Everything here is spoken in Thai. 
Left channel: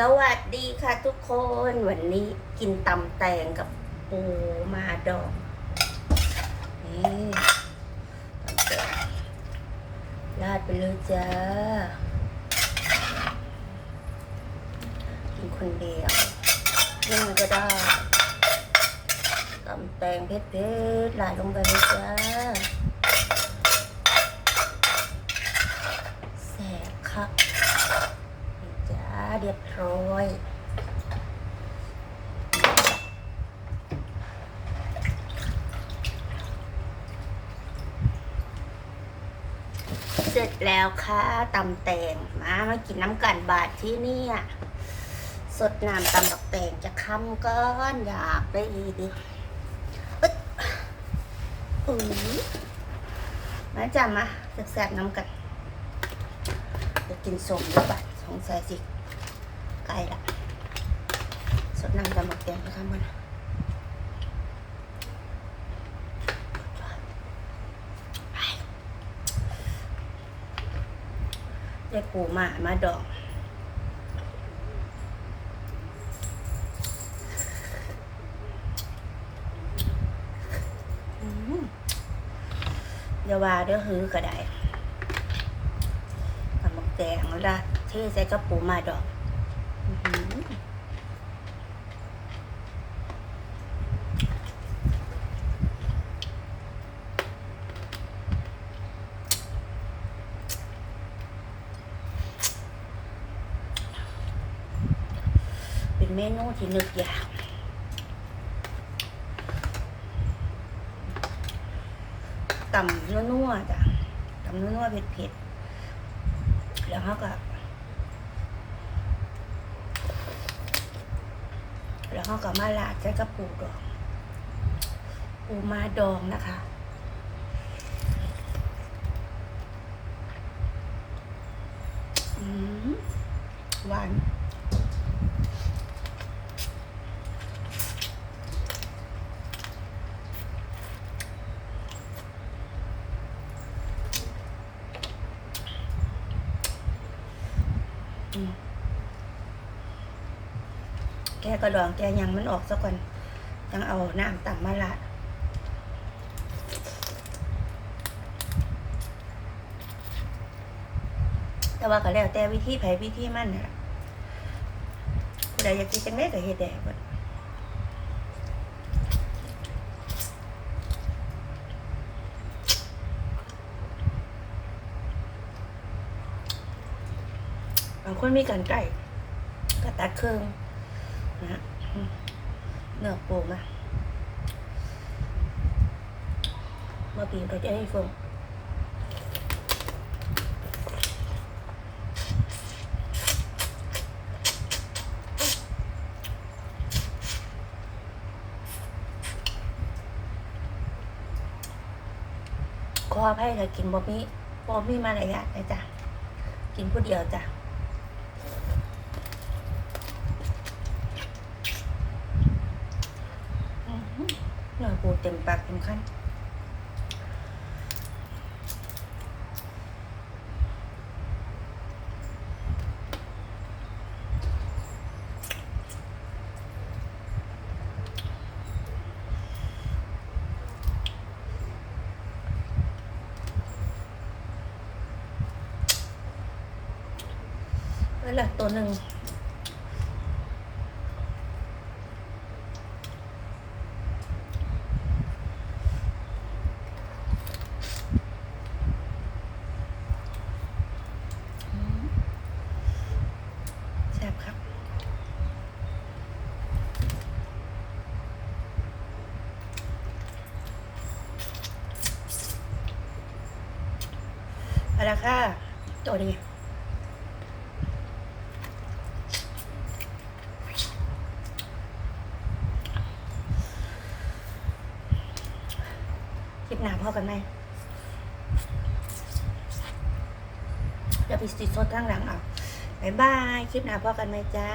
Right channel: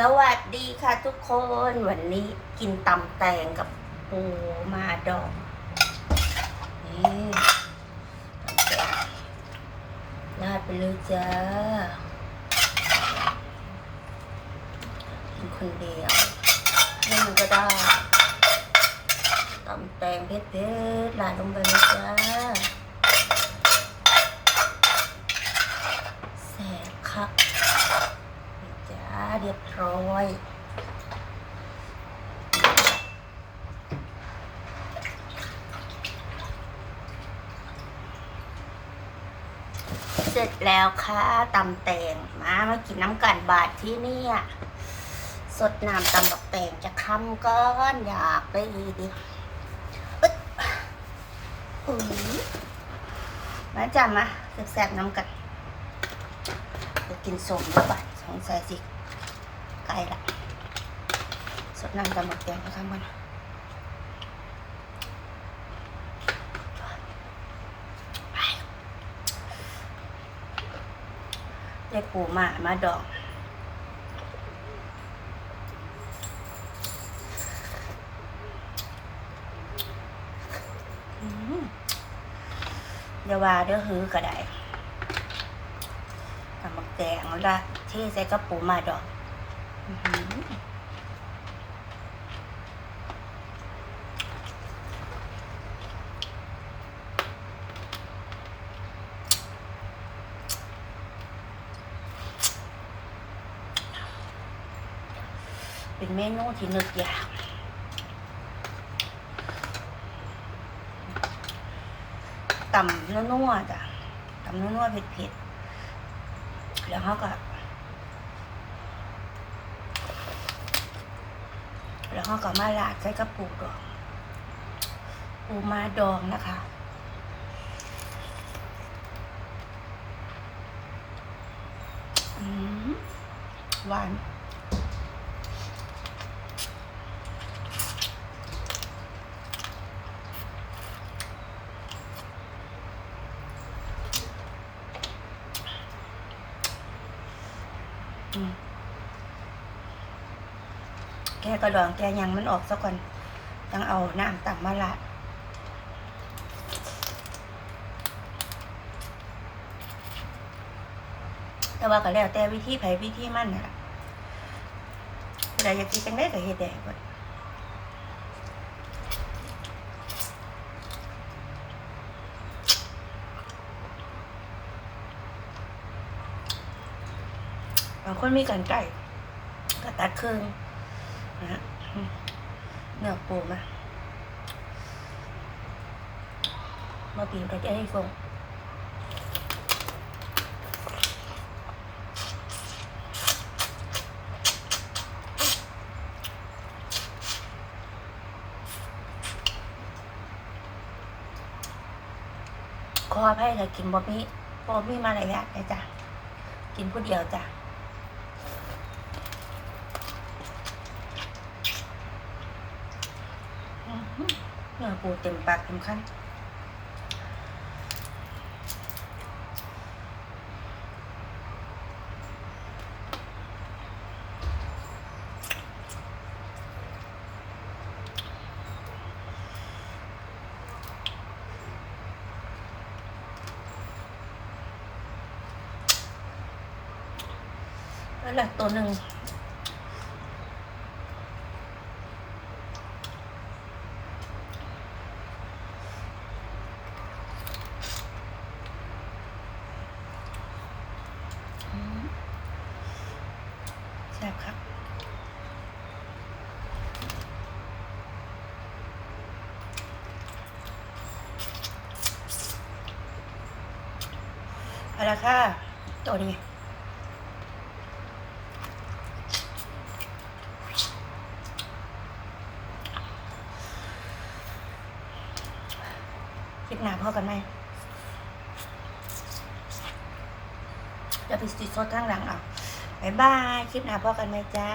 สวัสดีค่ะทุกคนวันนี้กินตำแตงกับปูมาดองนี่ตำแตงราดไปเลยจ้ากินคนเดียวนึ่งก็ได้ตำแตงเผ็ดๆราดลงไปเลยจ้าแสบค่ะ นี่จ้าเรียบร้อย เสร็จแล้วค่ะตำแตงมามากินน้ำกันบาทที่นี่ยสดน้ำตำบักแตงจะค้ำก้อนอยากได้อีดิอึ๊ดอุ้ยมาจ้ามาแซ่บๆน้ำกันจะกินสมแล้วแบบสงสัยสิ ใกล้ละสดน้ำตำบักแตงนะคะมันได้ปูมามาดองอืมอย่าว่าเดี๋ยวหื้อก็ได้ตำบักแตงแล้วเทใส่กระปูมาดองอื้อหือ เป็นเมนูที่นึกยากตำนัวๆจ้ะตำนัวๆเผ็ดๆแล้วเขาก็ แล้วเขาก็มาลาดใส่กระปูดองปูมาดองนะคะอืมหวานอืม แกก็ดองแกยังมันออกซะก่อนต้องเอาน้ำต่ำมาละแต่ว่าก็แล้วแต่วิธีไผวิธีมันนะเราอยากกินจังได้ก็เฮ็ดได้หมดบางคนมีกันไก่ก็ตัดครึ่ง นะเนื้อปูมามาปีนก็จะให้ฟงขออภัยถ้ากินบ่มีบ่มีมารยอย่าทนะจ๊ะกินผู้เดียวจ้ะ อื้อหือ เนื้อปูเต็มปากเต็มคำแล้วหลักตัวหนึ่งอืมแซ่บครับ เอาละค่ะตัวนี้คลิปหน้าพ่อกันไหมจะไปติดโซดข้างหลังเอาบายบาย คลิปหน้าพ่อกันไหมจ้า